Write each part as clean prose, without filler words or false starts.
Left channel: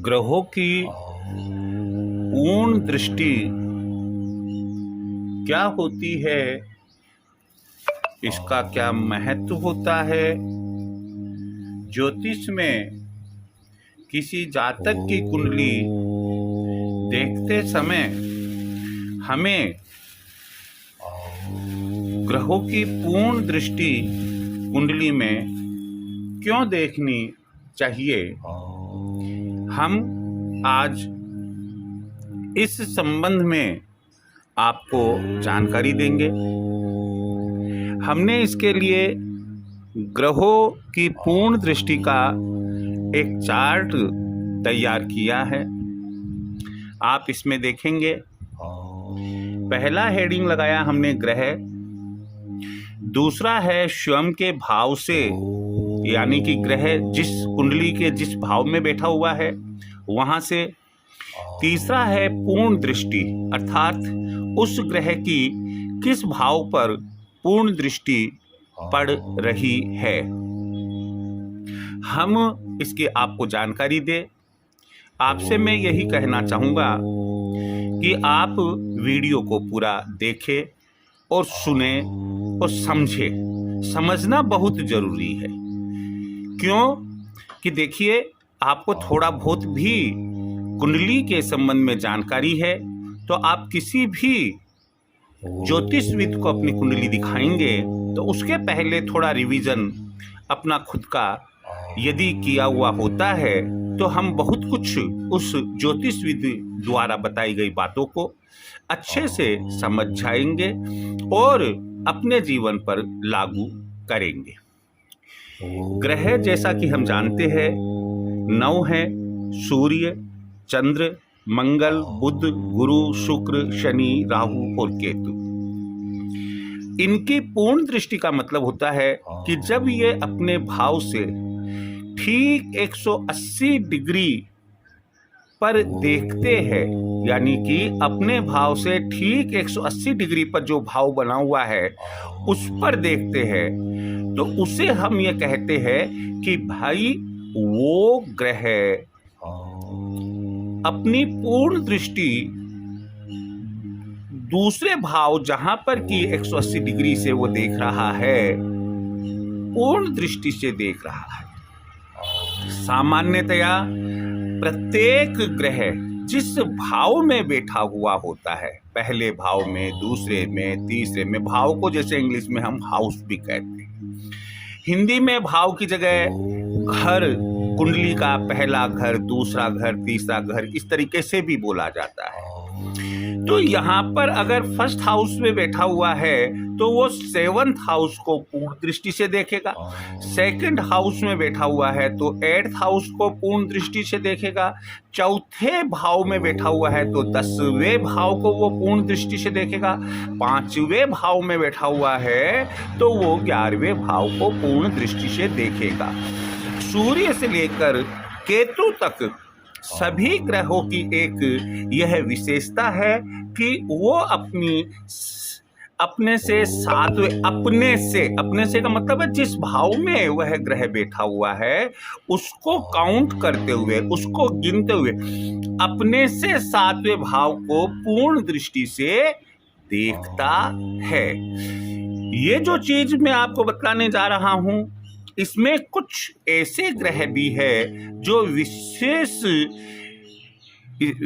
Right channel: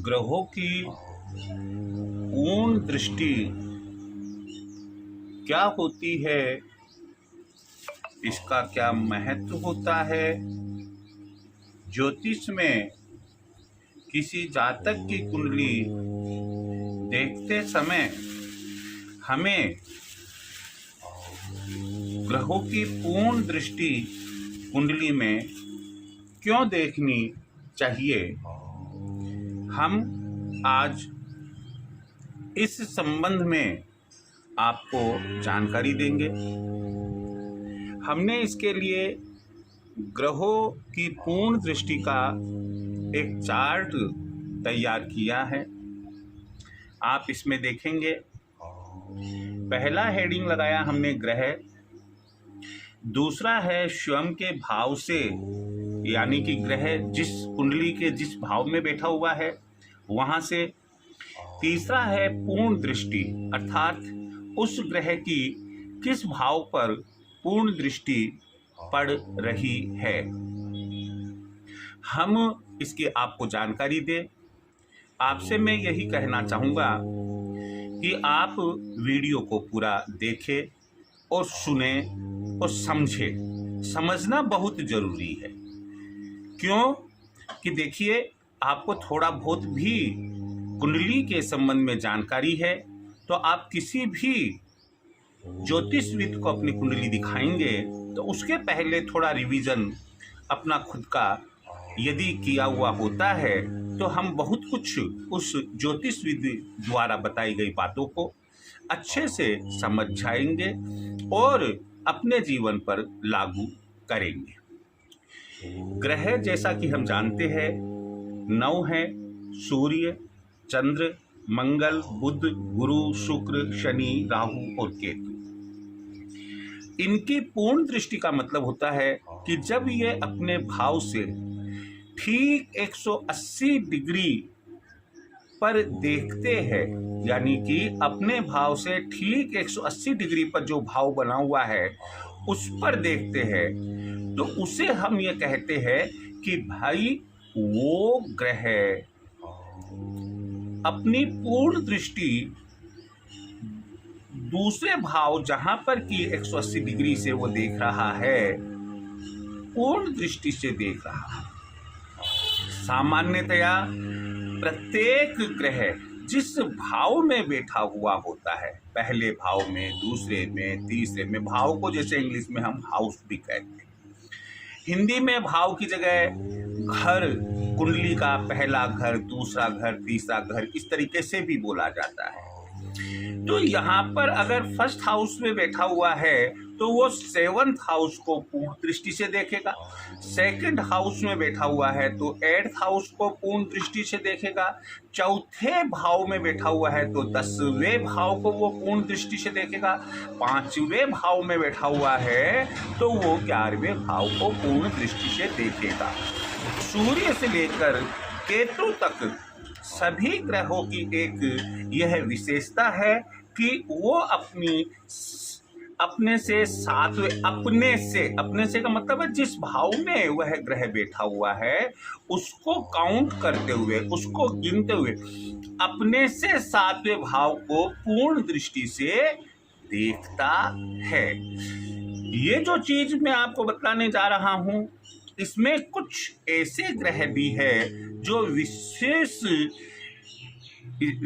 ग्रहों की पूर्ण दृष्टि क्या होती है, इसका क्या महत्व होता है। ज्योतिष में किसी जातक की कुंडली देखते समय हमें ग्रहों की पूर्ण दृष्टि कुंडली में क्यों देखनी चाहिए, हम आज इस संबंध में आपको जानकारी देंगे। हमने इसके लिए ग्रहों की पूर्ण दृष्टि का एक चार्ट तैयार किया है। आप इसमें देखेंगे, पहला हेडिंग लगाया हमने ग्रह, दूसरा है स्वयं के भाव से, यानी कि ग्रह जिस कुंडली के जिस भाव में बैठा हुआ है वहां से, तीसरा है पूर्ण दृष्टि, अर्थात उस ग्रह की किस भाव पर पूर्ण दृष्टि पड़ रही है। हम इसकी आपको जानकारी दे। आपसे मैं यही कहना चाहूँगा कि आप वीडियो को पूरा देखें और सुने और समझें। समझना बहुत जरूरी है। क्यों कि देखिए, आपको थोड़ा बहुत भी कुंडली के संबंध में जानकारी है तो आप किसी भी ज्योतिषविद को अपनी कुंडली दिखाएंगे तो उसके पहले थोड़ा रिवीजन अपना खुद का यदि किया हुआ होता है तो हम बहुत कुछ उस ज्योतिषविद द्वारा बताई गई बातों को अच्छे से समझ जाएंगे और अपने जीवन पर लागू करेंगे। ग्रह जैसा कि हम जानते हैं 9 है, सूर्य, चंद्र, मंगल, बुध, गुरु, शुक्र, शनि, राहु और केतु। इनकी पूर्ण दृष्टि का मतलब होता है कि जब ये अपने भाव से ठीक 180 डिग्री पर देखते हैं, यानी कि अपने भाव से ठीक 180 डिग्री पर जो भाव बना हुआ है उस पर देखते हैं, तो उसे हम ये कहते हैं कि भाई वो ग्रह अपनी पूर्ण दृष्टि दूसरे भाव जहां पर कि 180 डिग्री से वो देख रहा है, पूर्ण दृष्टि से देख रहा है। सामान्यतया प्रत्येक ग्रह जिस भाव में बैठा हुआ होता है, पहले भाव में, दूसरे में, तीसरे में, भाव को जैसे इंग्लिश में हम हाउस भी कहते हैं, हिंदी में भाव की जगह घर, कुंडली का पहला घर, दूसरा घर, तीसरा घर, इस तरीके से भी बोला जाता है। तो यहाँ पर अगर फर्स्ट हाउस में बैठा हुआ है तो वो 7th हाउस को पूर्ण दृष्टि से देखेगा, सेकंड हाउस में बैठा हुआ है तो 8th हाउस को पूर्ण दृष्टि से देखेगा, चौथे भाव में बैठा हुआ है तो 10वें भाव को वो पूर्ण दृष्टि से देखेगा, 5वें भाव में बैठा हुआ है तो वो 11वें भाव को पूर्ण दृष्टि से देखेगा। सूर्य से लेकर केतु तक सभी ग्रहों की एक यह विशेषता है कि वो अपने से सातवें, अपने से का मतलब है जिस भाव में वह ग्रह बैठा हुआ है उसको काउंट करते हुए, उसको गिनते हुए अपने से 7वें भाव को पूर्ण दृष्टि से देखता है। ये जो चीज मैं आपको बताने जा रहा हूं, इसमें कुछ ऐसे ग्रह भी है जो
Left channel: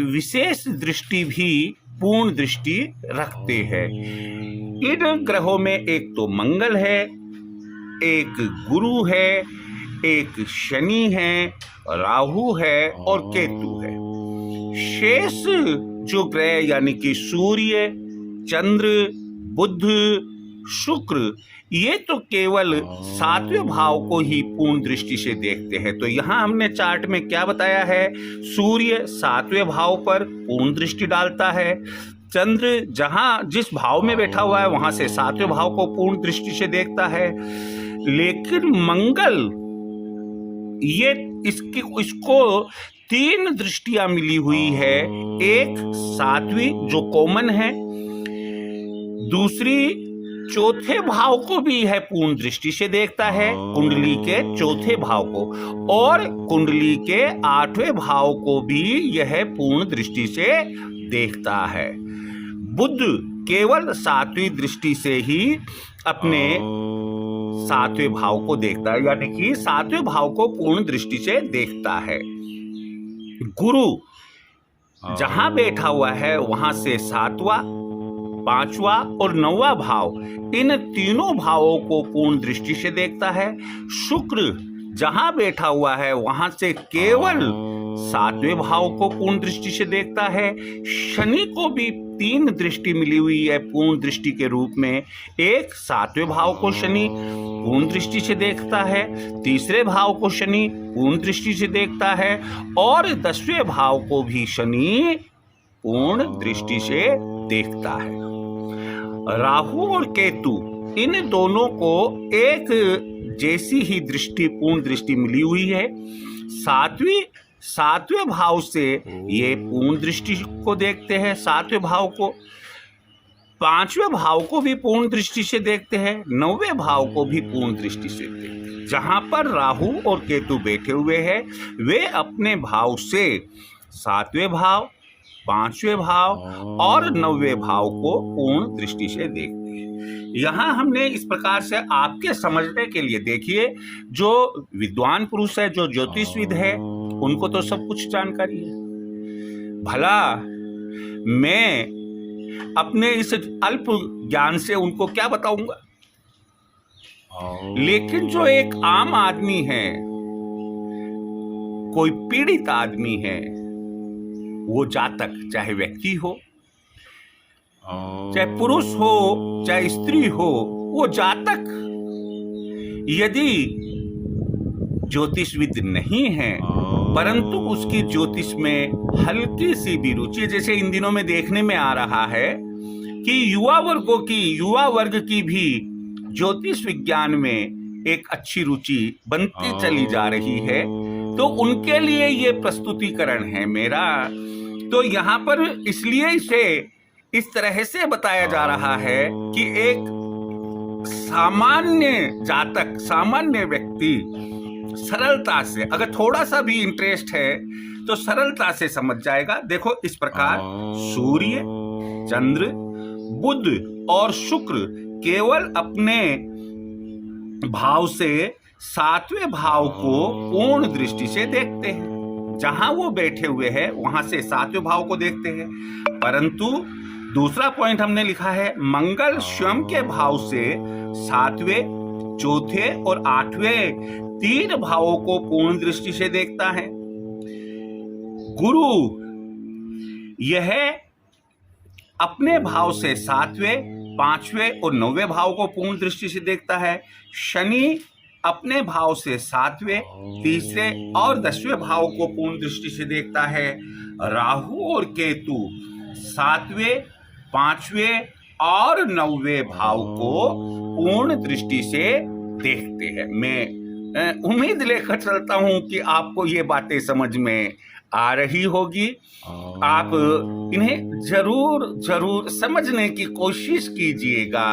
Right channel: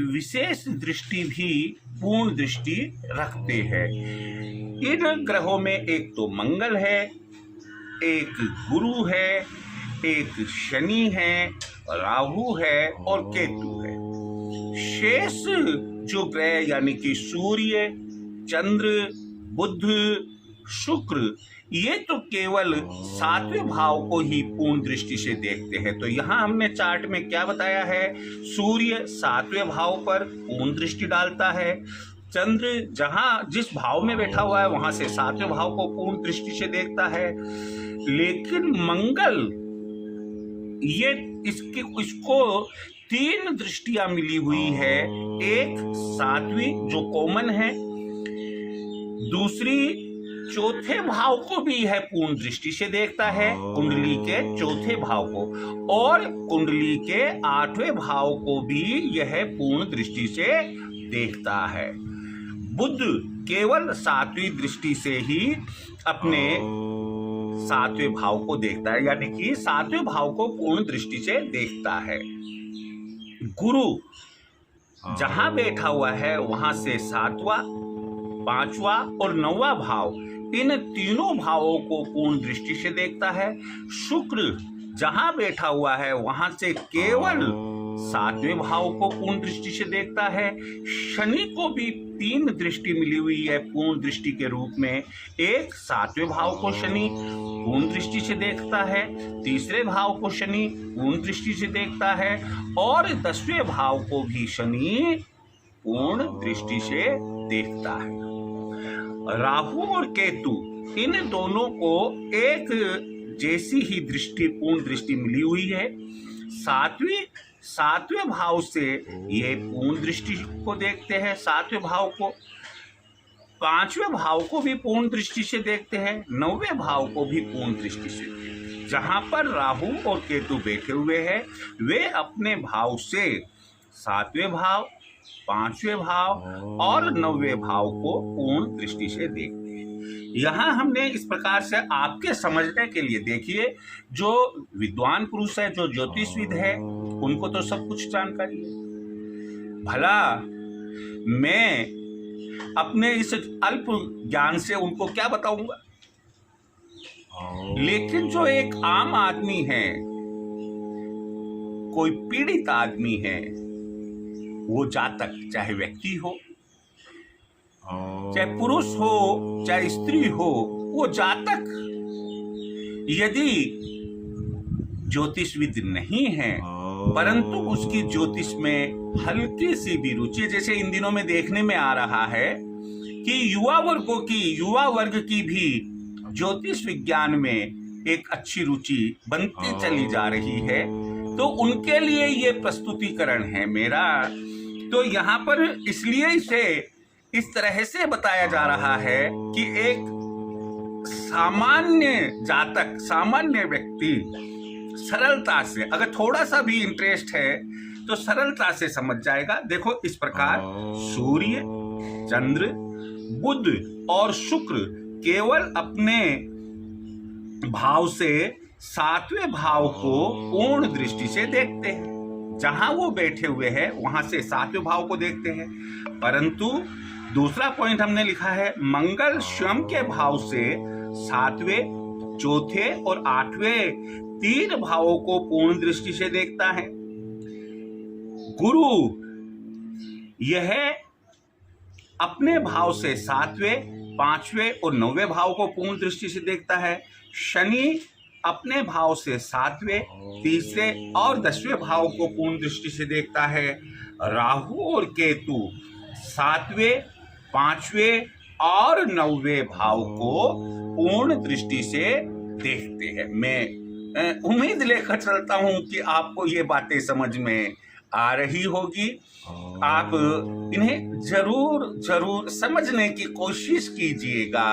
विशेष दृष्टि भी पूर्ण दृष्टि रखते हैं। इन ग्रहों में एक तो मंगल है, एक गुरु है, एक शनि है, राहु है और केतु है। शेष जो ग्रह यानी कि सूर्य, चंद्र, बुध, शुक्र, ये तो केवल 7वें भाव को ही पूर्ण दृष्टि से देखते हैं। तो यहाँ हमने चार्ट में क्या बताया है, सूर्य 7वें भाव पर पूर्ण दृष्टि डालता है, चंद्र जहां जिस भाव में बैठा हुआ है वहां से 7वें भाव को पूर्ण दृष्टि से देखता है। लेकिन मंगल, ये इसको 3 दृष्टियां मिली हुई है। एक 7वीं जो कॉमन है, दूसरी चौथे भाव को भी यह पूर्ण दृष्टि से देखता है, कुंडली के चौथे भाव को, और कुंडली के 8वें भाव को भी यह पूर्ण दृष्टि से देखता है। बुध केवल 7वीं दृष्टि से ही अपने 7वें भाव को देखता है, यानी कि 7वें भाव को पूर्ण दृष्टि से देखता है। गुरु जहां बैठा हुआ है वहां से 7वां, 5वां और 9वां भाव, इन तीनों भावों को पूर्ण दृष्टि से देखता है। शुक्र जहां बैठा हुआ है वहां से केवल 7वें भाव को पूर्ण दृष्टि से देखता है। शनि को भी 3 दृष्टि मिली हुई है पूर्ण दृष्टि के रूप में। एक 7वें भाव को शनि पूर्ण दृष्टि से देखता है, 3रे भाव को शनि पूर्ण दृष्टि से देखता है, और 10वें भाव को भी शनि पूर्ण दृष्टि से देखता है। राहु और केतु इन दोनों को एक जैसी ही दृष्टि, पूर्ण दृष्टि मिली हुई है। 7वें भाव से ये पूर्ण दृष्टि को देखते हैं, 7वें भाव को, 5वें भाव को भी पूर्ण दृष्टि से देखते हैं, 9वें भाव को भी पूर्ण दृष्टि से देखते हैं। जहां पर राहु और केतु बैठे हुए हैं वे अपने भाव से 7वें भाव, 5वें भाव और 9वें भाव को पूर्ण दृष्टि से देखते हैं। यहाँ हमने इस प्रकार से आपके समझने के लिए, देखिए जो विद्वान पुरुष है, जो ज्योतिषविद है, उनको तो सब कुछ जानकारी है। भला मैं अपने इस अल्प ज्ञान से उनको क्या बताऊंगा? लेकिन जो एक आम आदमी है, कोई पीड़ित आदमी है, वो जातक, चाहे व्यक्ति हो, चाहे पुरुष हो, चाहे स्त्री हो, वो जातक यदि ज्योतिषविद नहीं है, परंतु उसकी ज्योतिष में हल्की सी भी रुचि, जैसे इन दिनों में देखने में आ रहा है कि युवा वर्ग की भी ज्योतिष विज्ञान में एक अच्छी रुचि बनती चली जा रही है, तो उनके लिए ये प्रस्तुतिकरण है मेरा। तो यहाँ पर इसलिए इसे इस तरह से बताया जा रहा है कि एक सामान्य जातक, सामान्य व्यक्ति सरलता से, अगर थोड़ा सा भी इंटरेस्ट है तो सरलता से समझ जाएगा। देखो इस प्रकार सूर्य, चंद्र, बुध और शुक्र केवल अपने भाव से 7वें भाव को पूर्ण दृष्टि से देखते हैं। जहां वो बैठे हुए हैं वहां से 7वें भाव को देखते हैं। परंतु दूसरा पॉइंट हमने लिखा है, मंगल स्वयं के भाव से 7वें, 4थे और 8वें 3 भावों को पूर्ण दृष्टि से देखता है। गुरु यह अपने भाव से 7वें, 5वें और 9वें भाव को पूर्ण दृष्टि से देखता है। शनि अपने भाव से 7वें, 3रे और 10वें भाव को पूर्ण दृष्टि से देखता है। राहु और केतु 7वें, 5वें और 9वें भाव को पूर्ण दृष्टि से देखते हैं। मैं उम्मीद लेकर चलता हूं कि आपको ये बातें समझ में आ रही होगी। आप इन्हें जरूर समझने की कोशिश कीजिएगा।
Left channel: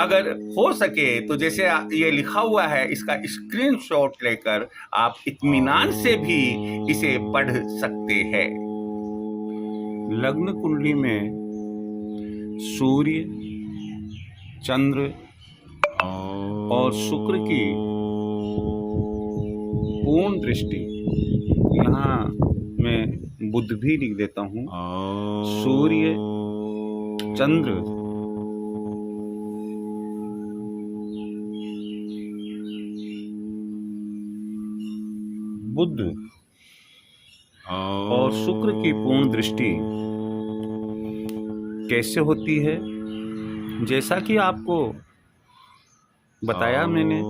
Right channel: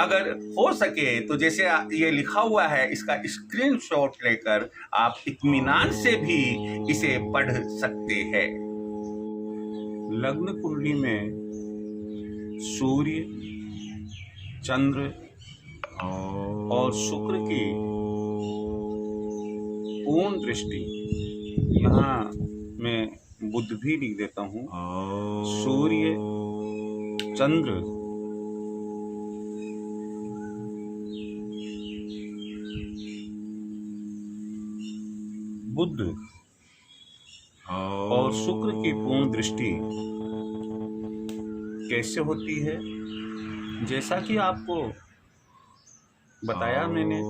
अगर हो सके तो जैसे ये लिखा हुआ है, इसका स्क्रीनशॉट लेकर आप इत्मीनान से भी इसे पढ़ सकते हैं। लग्न कुंडली में सूर्य, चंद्र और शुक्र की पूर्ण दृष्टि, यहाँ मैं बुध भी लिख देता हूँ। सूर्य, चंद्र, बुध और शुक्र की पूर्ण दृष्टि कैसे होती है? जैसा कि आपको बताया मैंने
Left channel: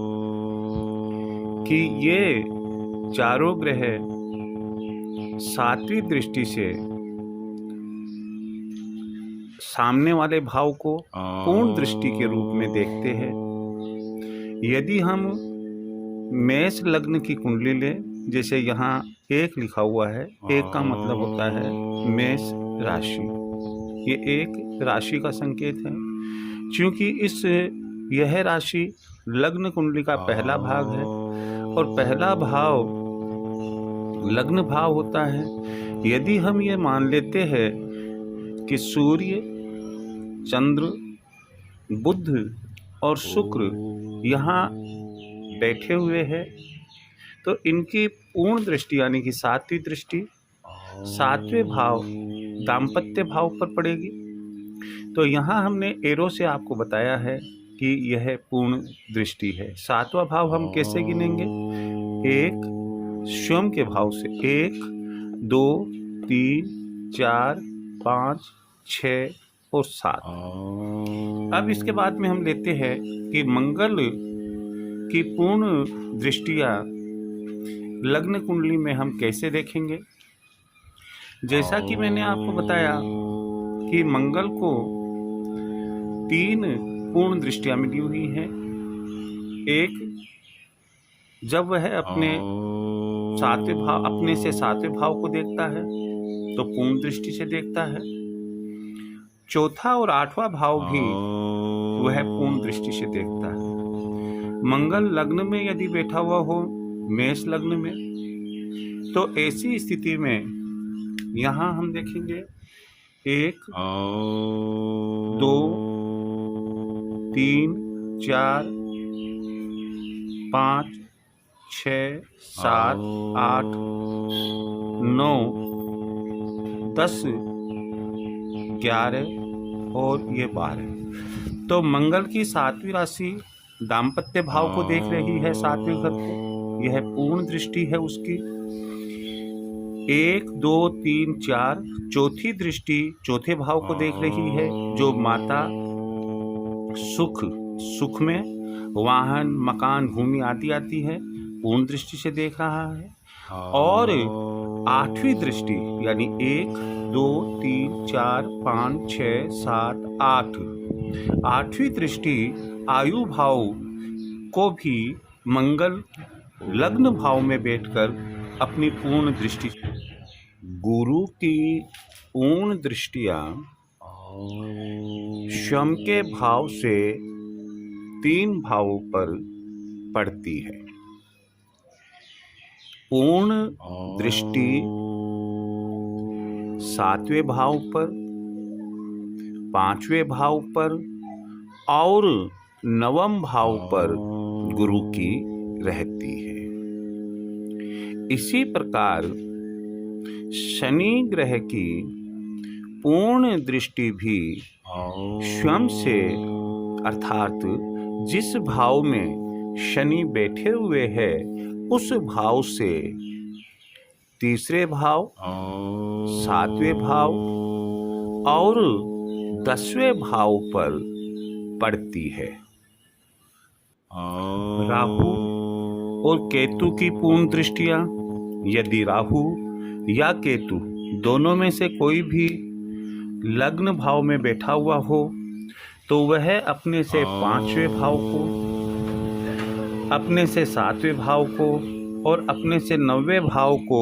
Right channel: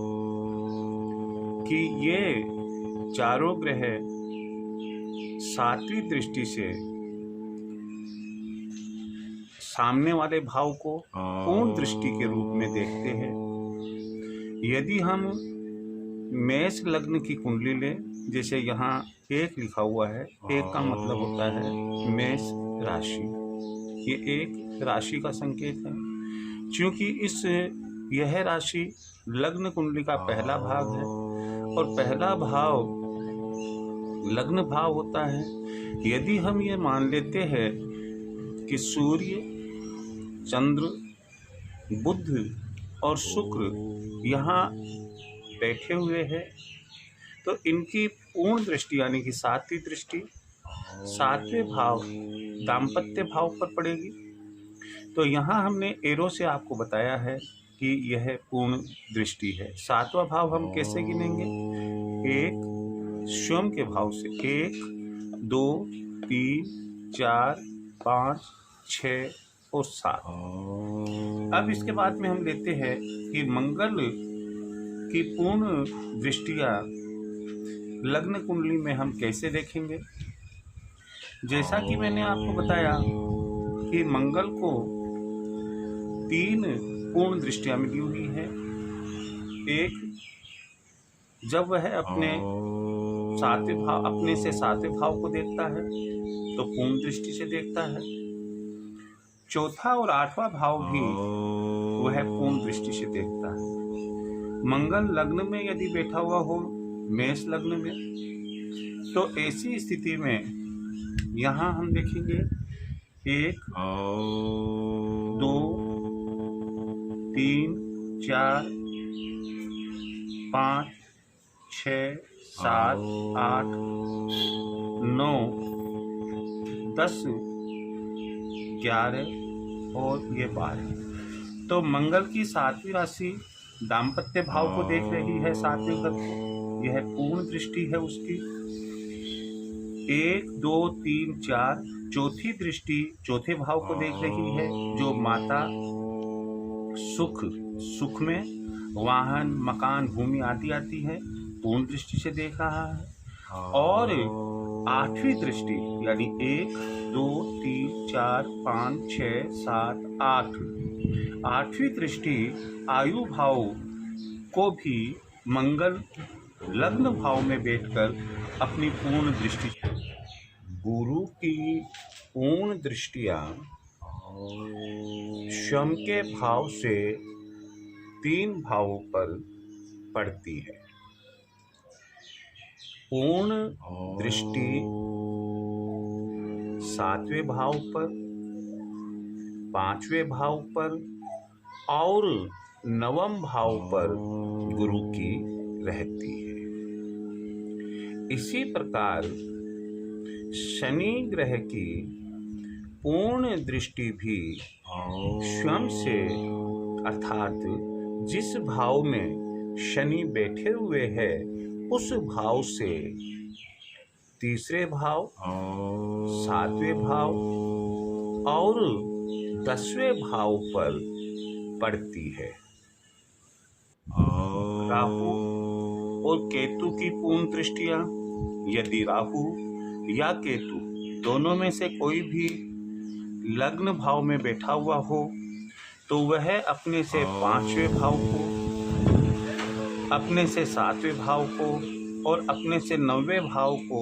कि ये चारों ग्रह 7वीं दृष्टि से सामने वाले भाव को पूर्ण दृष्टि के रूप में देखते हैं। यदि हम मेष लग्न की कुंडली लें, जैसे यहाँ 1 लिखा हुआ है, 1 का मतलब होता है मेष राशि, ये एक राशि का संकेत है। क्योंकि यह राशि लग्न कुंडली का पहला भाग है और पहला भाव लग्न भाव होता है। यदि हम ये मान लेते हैं कि सूर्य, चंद्र, बुध और शुक्र यहाँ बैठे हुए हैं, तो इनकी पूर्ण दृष्टि यानी कि सातवीं दृष्टि सातवें भाव दाम्पत्य भाव पर पड़ेगी। तो यहाँ हमने एरो से आपको बताया है कि यह पूर्ण दृष्टि है। सातवां भाव हम कैसे गिनेंगे? एक स्वयं के भाव से 1, 2, 3, 4, 5, 6 और 7। अब इसके बाद में हम लेते हैं कि मंगल की पूर्ण दृष्टियां लग्न कुंडली में हम कैसे देखेंगे। जैसा कि मैंने आपको बताया कि मंगल को 3 पूर्ण दृष्टियां मिली हुई हैं। एक, जब वह अपने से सातवें भाव को देखता है तो पूर्ण दृष्टि से देखता है। चौथा और 8वां भाव भी वह पूर्ण दृष्टि से देखता है। मंगल लग्न में यदि बैठा हुआ हो, मेष लग्न में, तो ऐसी स्थिति में यहाँ हम देखेंगे 1, 2, 3, 4, 5, 6, 7, 8, 9, 10, 11 और ये 12। तो मंगल की सातवीं राशि दाम्पत्य भाव को देख रही है, सातवें घर को। यह पूर्ण दृष्टि है उसकी। 1, 2, 3, 4 चौथी दृष्टि चौथे भाव को देख रही है, जो माता सुख में वाहन, मकान, भूमि आदि आती है, पूर्ण दृष्टि से देख रहा है। और 8वीं दृष्टि यानी 1, 2, 3, 4, 5, 6, 7, 8 8वीं दृष्टि आयु भाव को भी मंगल लग्न भाव में बैठकर अपनी पूर्ण दृष्टि। गुरु की पूर्ण दृष्टियां स्वयं के भाव से 3 भावों पर पड़ती है। पूर्ण दृष्टि 7वें भाव पर, 5वें भाव पर और 9वें भाव पर गुरु की रहती है। इसी प्रकार शनि ग्रह की पूर्ण दृष्टि भी स्वयं से अर्थात जिस भाव में शनि बैठे हुए हैं उस भाव से 3रे भाव, 7वें भाव और 10वें भाव पर पड़ती है। राहु और केतु की पूर्ण दृष्टियां, यदि राहु या केतु दोनों में से कोई भी लग्न भाव में बैठा हुआ हो तो वह अपने से 5वें भाव को, अपने से 7वें भाव को और अपने से 9वें भाव को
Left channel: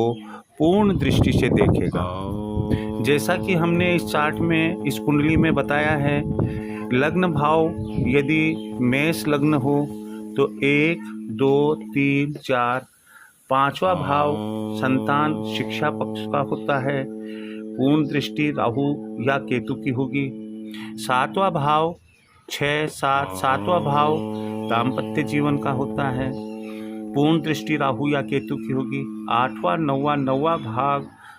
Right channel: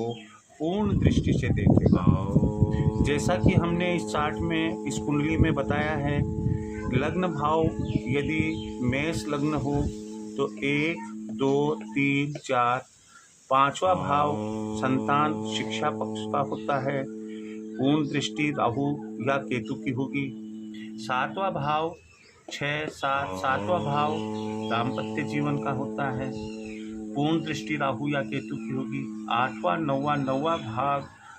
पूर्ण दृष्टि से देखेगा। जैसा कि हमने इस चार्ट में, इस कुंडली में बताया है, लग्न भाव यदि मेष लग्न हो तो 1, 2, 3, 4, 5वां भाव संतान शिक्षा पक्ष का होता है, पूर्ण दृष्टि राहु या केतु की होगी। 7वां भाव 6, 7, 7वां भाव दाम्पत्य जीवन का होता है, पूर्ण दृष्टि राहु या केतु की होगी। 8वां 9वां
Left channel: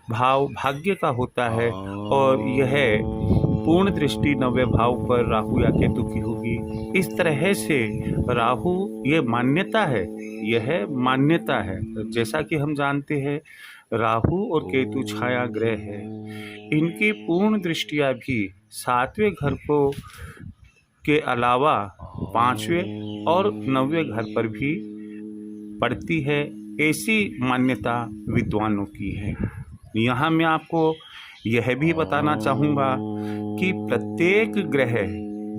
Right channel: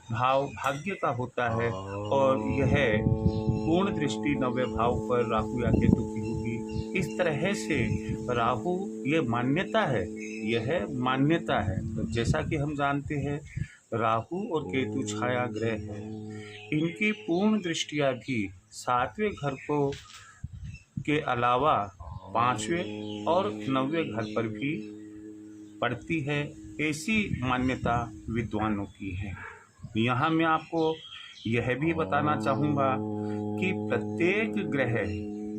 भाव भाग्य का होता है और यह पूर्ण दृष्टि 9वें भाव पर राहु या केतु की होगी। इस तरह से राहु ये मान्यता है, यह मान्यता है। जैसा कि हम जानते हैं राहु और केतु छाया ग्रह है, इनकी पूर्ण दृष्टियां भी 7वें घर को के अलावा 5वें और 9वें घर पर भी पड़ती है। ऐसी मान्यता विद्वानों की है। यहाँ मैं आपको यह भी बताना चाहूँगा कि प्रत्येक ग्रह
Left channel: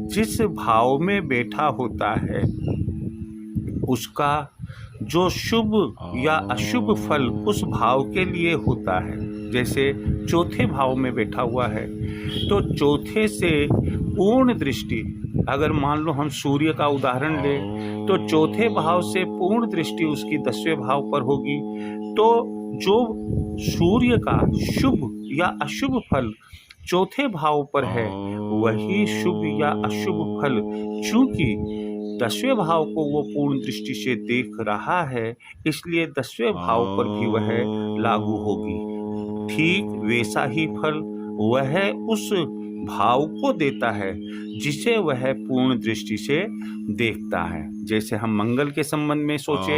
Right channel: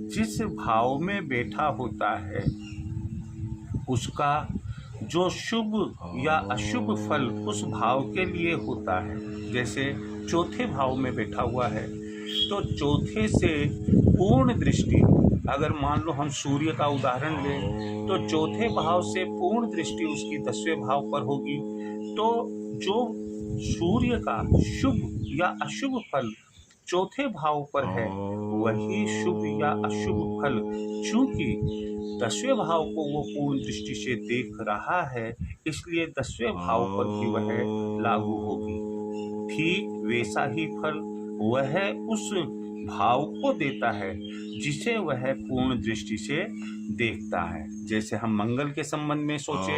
जिस भाव में बैठा होता है उसका जो शुभ या अशुभ फल उस भाव के लिए होता है। जैसे चौथे भाव में बैठा हुआ है तो चौथे से पूर्ण दृष्टि अगर मान लो हम सूर्य का उदाहरण लें तो चौथे भाव से पूर्ण दृष्टि उसकी 10वें भाव पर होगी, तो जो सूर्य का शुभ या अशुभ फल चौथे भाव पर है वही शुभ या अशुभ फल चूंकि 10वें भाव को वो पूर्ण दृष्टि से देख रहा है, इसलिए 10वें भाव पर भी वह लागू होगी। ठीक वैसा ही फल वह उस भाव को देता है जिसे वह पूर्ण दृष्टि से देखता है। जैसे हम मंगल के संबंध में सोचे,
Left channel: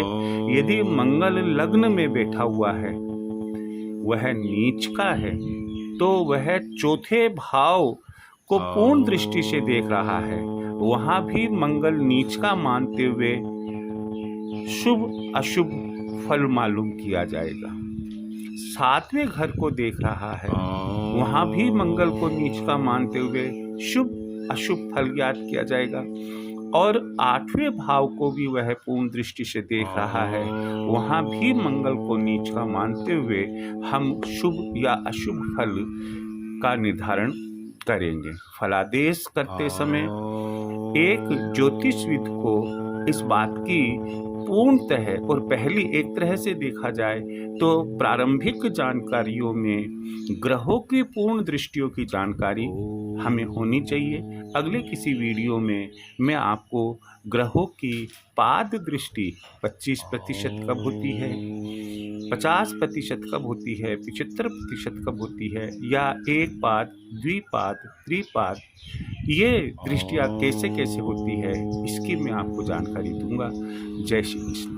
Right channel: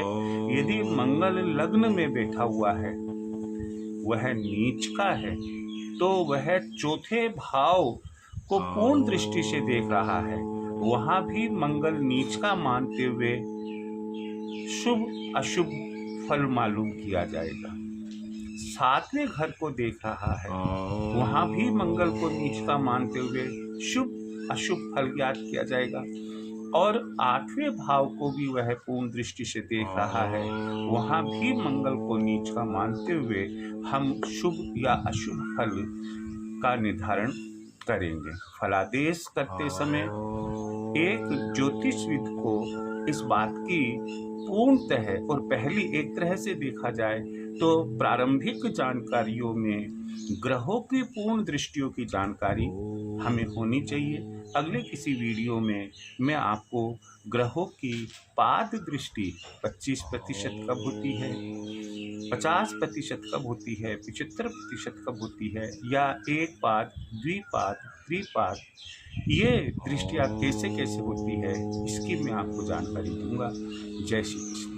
यदि मंगल लग्न में बैठा हुआ है, वह नीच का है, तो वह चौथे भाव को पूर्ण दृष्टि से देख रहा है, वहां भी मंगल नीच का मानते हुए शुभ अशुभ फल मालूम किया जाएगा। 7वें घर को देख रहा है, वहां भी मंगल को नीच का मानते हुए शुभ अशुभ फल याद किया जाएगा। और 8वें भाव को भी वह पूर्ण दृष्टि से देख रहा है, वहां भी मंगल को नीच का मानते हुए हम शुभ या अशुभ फल का निर्धारण करेंगे। फलादेश करते समय एक ज्योतिषविद को इस बात की पूर्णतः और पहली एक तरह से देखा जाए तो प्रारंभिक जानकारियों में ग्रहों की पूर्ण दृष्टियों की जानकारी हमें होनी चाहिए। अगले किसी वीडियो में मैं आपको ग्रहों की पाद दृष्टि 25% कब होती है, 50% कब होती है, 75% कब होती है, या एक पाद, द्विपाद, त्रिपाद, ये दृष्टियाँ कैसे कैसे होती है, इसकी मैं आपको जानकारी दूंगा। जय श्री कृष्ण।